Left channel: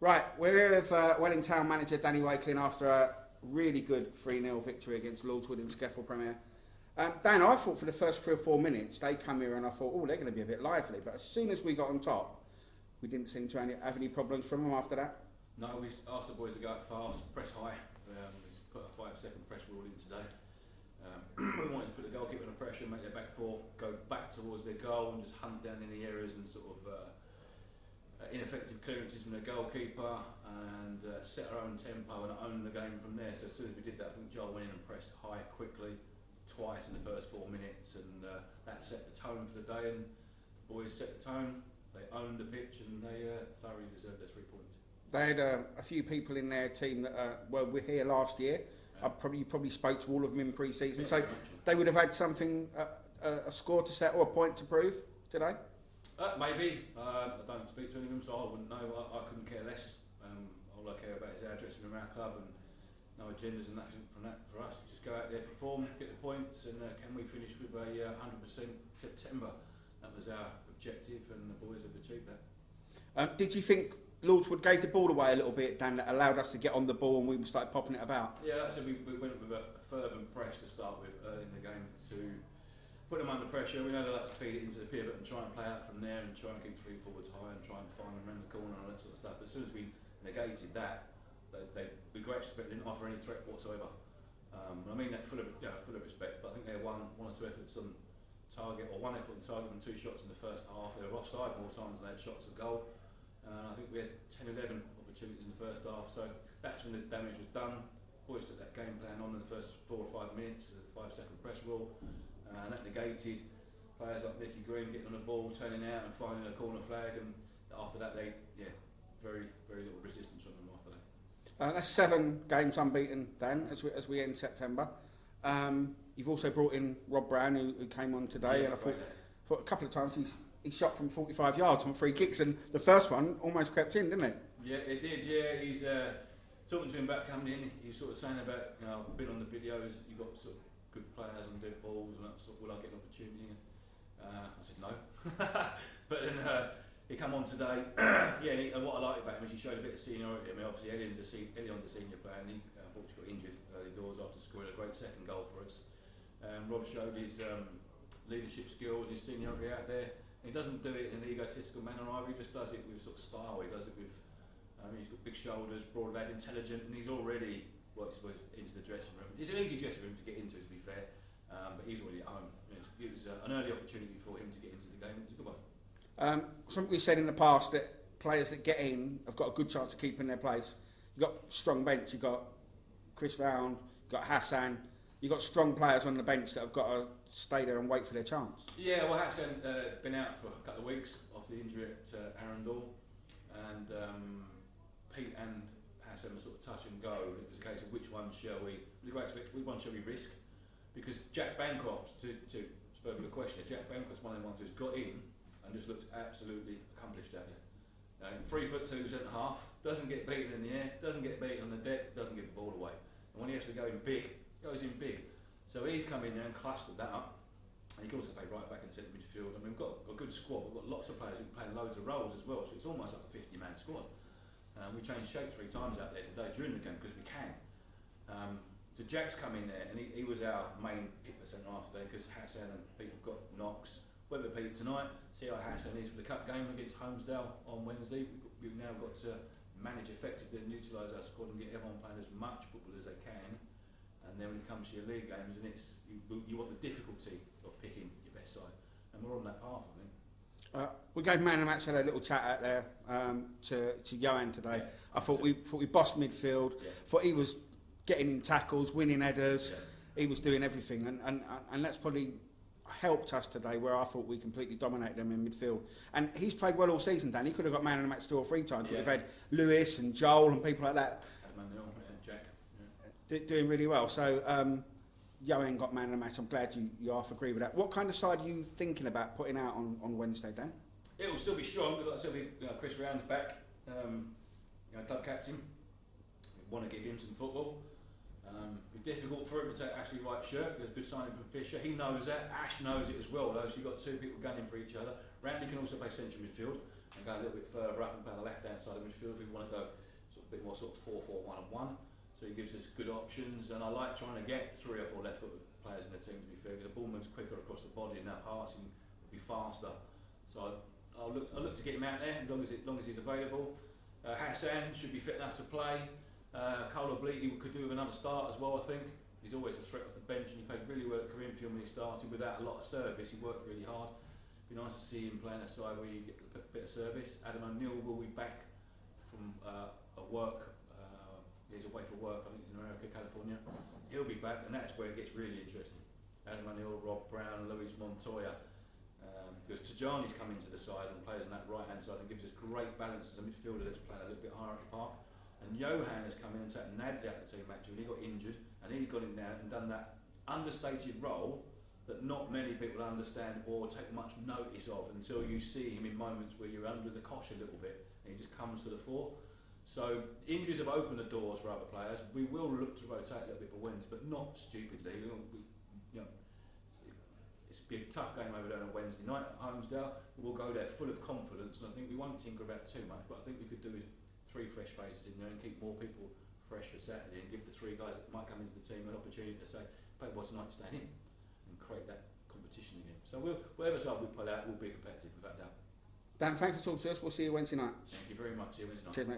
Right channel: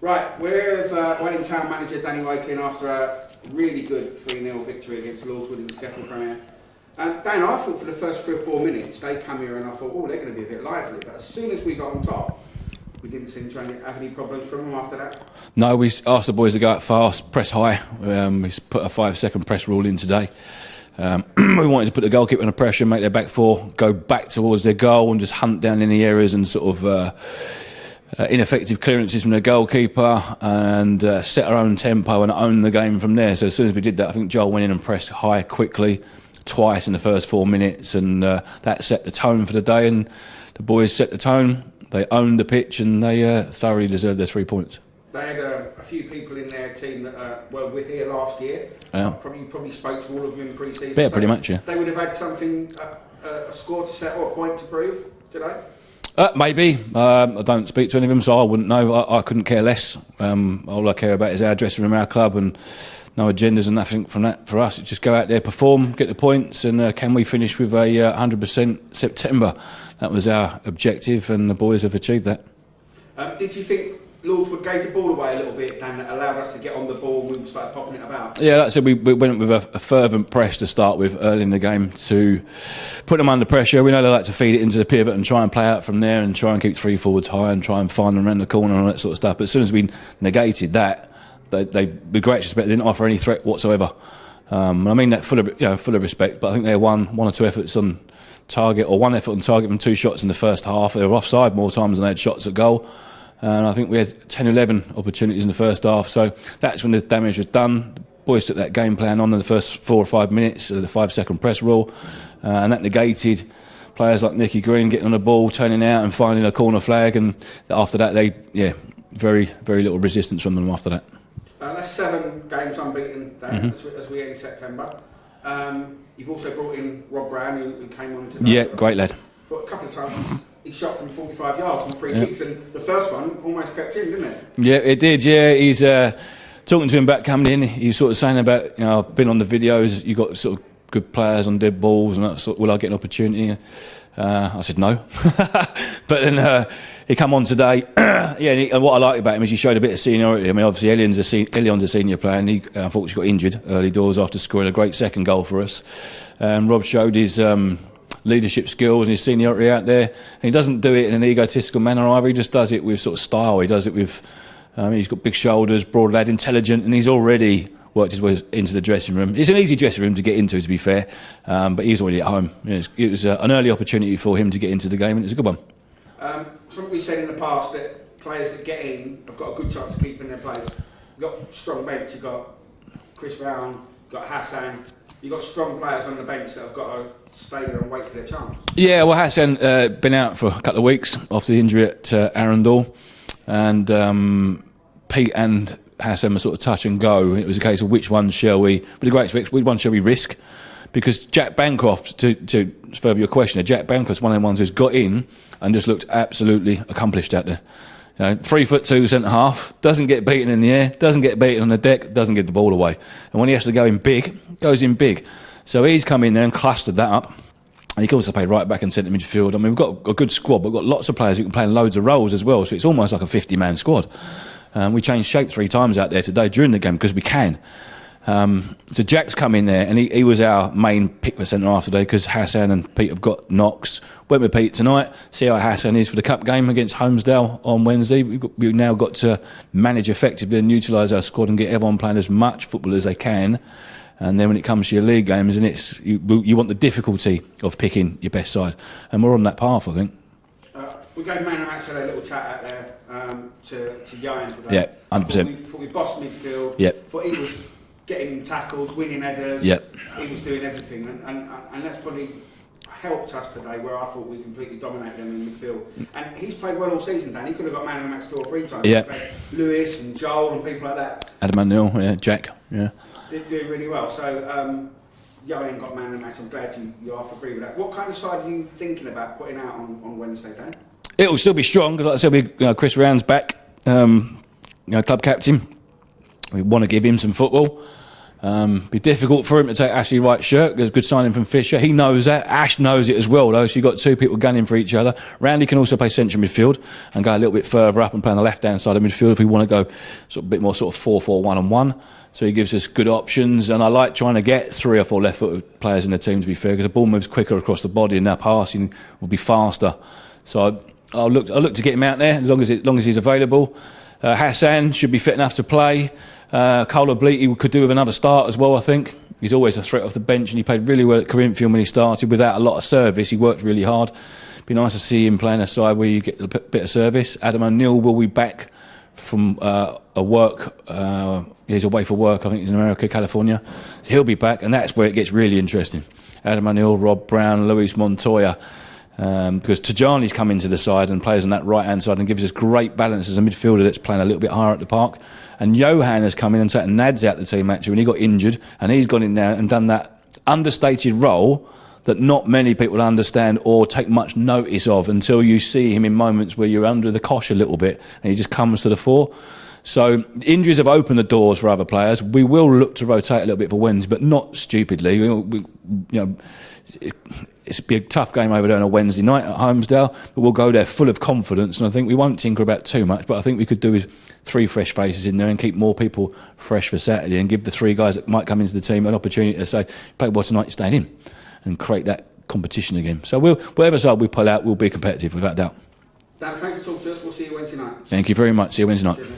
Right, we're with Welling Town manager Danny Wakeling after a really good 3-0 victory against Lordswood in the Scaffold Premier. Dan, I thought for the first 3 or 4 minutes they come here and I thought, oh, they're going to be a bit lively. But as soon as we got on top, we didn't seem to have any problems from them after that. No, we asked the boys to go out fast, press high. We put a 5-second press rule in today. We wanted to put the goalkeeper under pressure, make their back four go back towards their goal and just hunt down any areas and sort of ineffective clearances from the goalkeeper and set our own tempo and own the game from there. So as soon as we did that, I think Joel went in and pressed high quickly twice in the first 4 minutes, and that set the tone for the day, and the boys set the tone. They owned the pitch and they thoroughly deserved their 3 points. They had a few people in their team that were here last year. Yeah. Probably spoke to all of them in pre-season. Yeah, so pretty much, yeah. They would have had something, a score to set or a point to prove today? Maybe. I don't speak to any of them, so I wouldn't know. I couldn't care less. All I care about is our dressing room, our club, and no agendas and nothing from that for us. It's just go out there, perform, get the points, and can we finish with a 100% September? That was our objective, and the boys have achieved that. Did you think Lordswood gave the ball away a little bit and allowed us to get on the ball and we started popping it about? Yeah, like I said, we went with a fervent press to start with early in the game to put them under pressure. We know they like to feed it into the pivot and try and play out from there and try and keep 3 forwards high and try and find them around the corner and all that sort of stuff. But as soon as we negated that, they with great respect, didn't offer any threat whatsoever. I mean that full of respect, but I think they had one or two efforts on target, or one effort on target from 2 shots in the first half. They were offside more times than they had shots at goal. And I think we had 10 or 11 opportunities in the first half. So that's when the damage was done. The boys took that game plan on in the first 4 or 5 minutes, the 5-second press rule. And that negated players like Nicky Green getting on the ball, turning out and finding a corner flag. And after that, very, very little resistance from them after that. That's 7 games unbeaten, Dan, as we end September. You've also brought in Rob Brown, who came on today. Yeah, great lad. But a couple of times he shot from 45 yards on free kicks, and the first one almost crept in, didn't it? Yeah, it did. Yeah, he's talking to him about coming in. He's sort of saying about, I've been on the videos. You got sort of good players on dead balls, and that sort, will I get an opportunity? I said no, but then he come on today. And what I like about him is he showed a bit of seniority. I mean, obviously Elion's a senior player, and he unfortunately got injured early doors after scoring a great second goal for us. Rob showed his leadership skills and his seniority out there. And he doesn't do it in an egotistical manner either. He just does it with sort of style. He does it with, he's got big shoulders, broad lad, intelligent, and he's already worked his way into the dressing room. It's an easy dressing room to get into, to be fair, but he's already at home. It was an early opportunity for him to get into the game, and it's a good one. Something we said in the past, that players that get in have got a good chance of keeping their place. You've got strong bench, you've got Chris Round, you've got Hassan, you've got strong players on the bench that have got to stay there and wait for their chance. Yeah, well, Hassan been out for a couple of weeks after the injury at Arundel, and Pete and Hassan were sort of touch and go. It was a case of which one shall we, with a great respect, which one shall we risk? Because Jack Bancroft, to further your question, Jack Bancroft's one of the ones who's got in and just looked absolutely accomplished out there. 3'2" centre half, doesn't get beaten in the air, doesn't get beaten on the deck, doesn't get the ball away. And when he has to go in big, goes in big. So he's come in there and clustered that up. And he can also play right back and centre midfield. I mean, we've got a good squad, but we've got lots of players who can play in loads of roles as well. So it's almost like a 50-man squad. We changed shape 3 times out there today during the game because we can. So Jack's come in there, and he was our main pick for centre half today because Hassan and Pete have got knocks. Went with Pete tonight, see how Hassan is for the cup game against Holmesdale on Wednesday. We've now got to manage effectively and utilise our squad and get everyone playing as much football as they can. And then when it comes to your league games, and you want the difficulty of picking your best side, and we're on that path, I think. We gave man of the match had a little chat out there to Yohan today. Yeah, 100%. Thought we bossed midfield. Yeah. Thought he was getting in tackles, winning headers. Yeah. He was doing everything, and that's probably helped us today, where I thought we completely dominated them in midfield. And he's played well all season, Dan. He could have got man of the match 2 or 3 times. Yeah. Lewis and Joel and people like that. Adam O'Neill, yeah, Jack, yeah. Doing really well. So Yohan got man of the match. I'm glad you half agree with that. What kind of side are you thinking about putting out on Wednesday, Dan? It will still be strong because, like I said, Chris Round's back, club captain. We want to give him some football. Be difficult for him to take Ashley Wright's shirt. There's a good signing from Fisher. He knows that. Ash knows it as well, though. So you've got two people gunning for each other. Randy can also play central midfield and go a little bit further up and play on the left-hand side of midfield if we want to go sort of a bit more sort of 4-4-1-on-1. So he gives us good options. And I like trying to get 3 or 4 left-footed players in the team, to be fair, because the ball moves quicker across the body and our passing will be faster. So I'll look to get him out there as long as he's available. Hassan should be fit enough to play. Cole Bleaty could do with another start as well, I think. He's always a threat off the bench, and he played really well at Corinthian when he started without a lot of service. He worked really hard. Be nice to see him playing a side where you get a bit of service. Adam O'Neill will be back from a work. He's away for work. I think he's in America, California. So he'll be back, and that's where it gets really interesting. Adam O'Neill, Rob Brown, Luis Montoya. Because Tajani's come into the side and plays on that right-hand side and gives us great balance as a midfielder that's playing a little bit higher at the park. And Johan has come in and taken Nads out the team actually when he got injured, and he's gone in there and done that understated role that not many people understand or take much notice of until you see him in moments where you're under the cosh a little bit and he just comes to the fore. So injuries have opened the doors for other players. We will look to rotate a little bit for Wednesday, but not stupidly. It's be a tough game over there on a Wednesday night at Holmesdale, but we'll go there full of confidence, and I think we won't tinker about too much, but I think we could do with 3 fresh faces in there and keep more people fresh for Saturday and give the 3 guys that might come into the team an opportunity to say, play well tonight, you're staying in, and create that competition again. So whatever side we pull out, we'll be competitive, without doubt. Dan, thanks for talking to us. We'll see you Wednesday night. Thank you very much. See you Wednesday night. Cheers,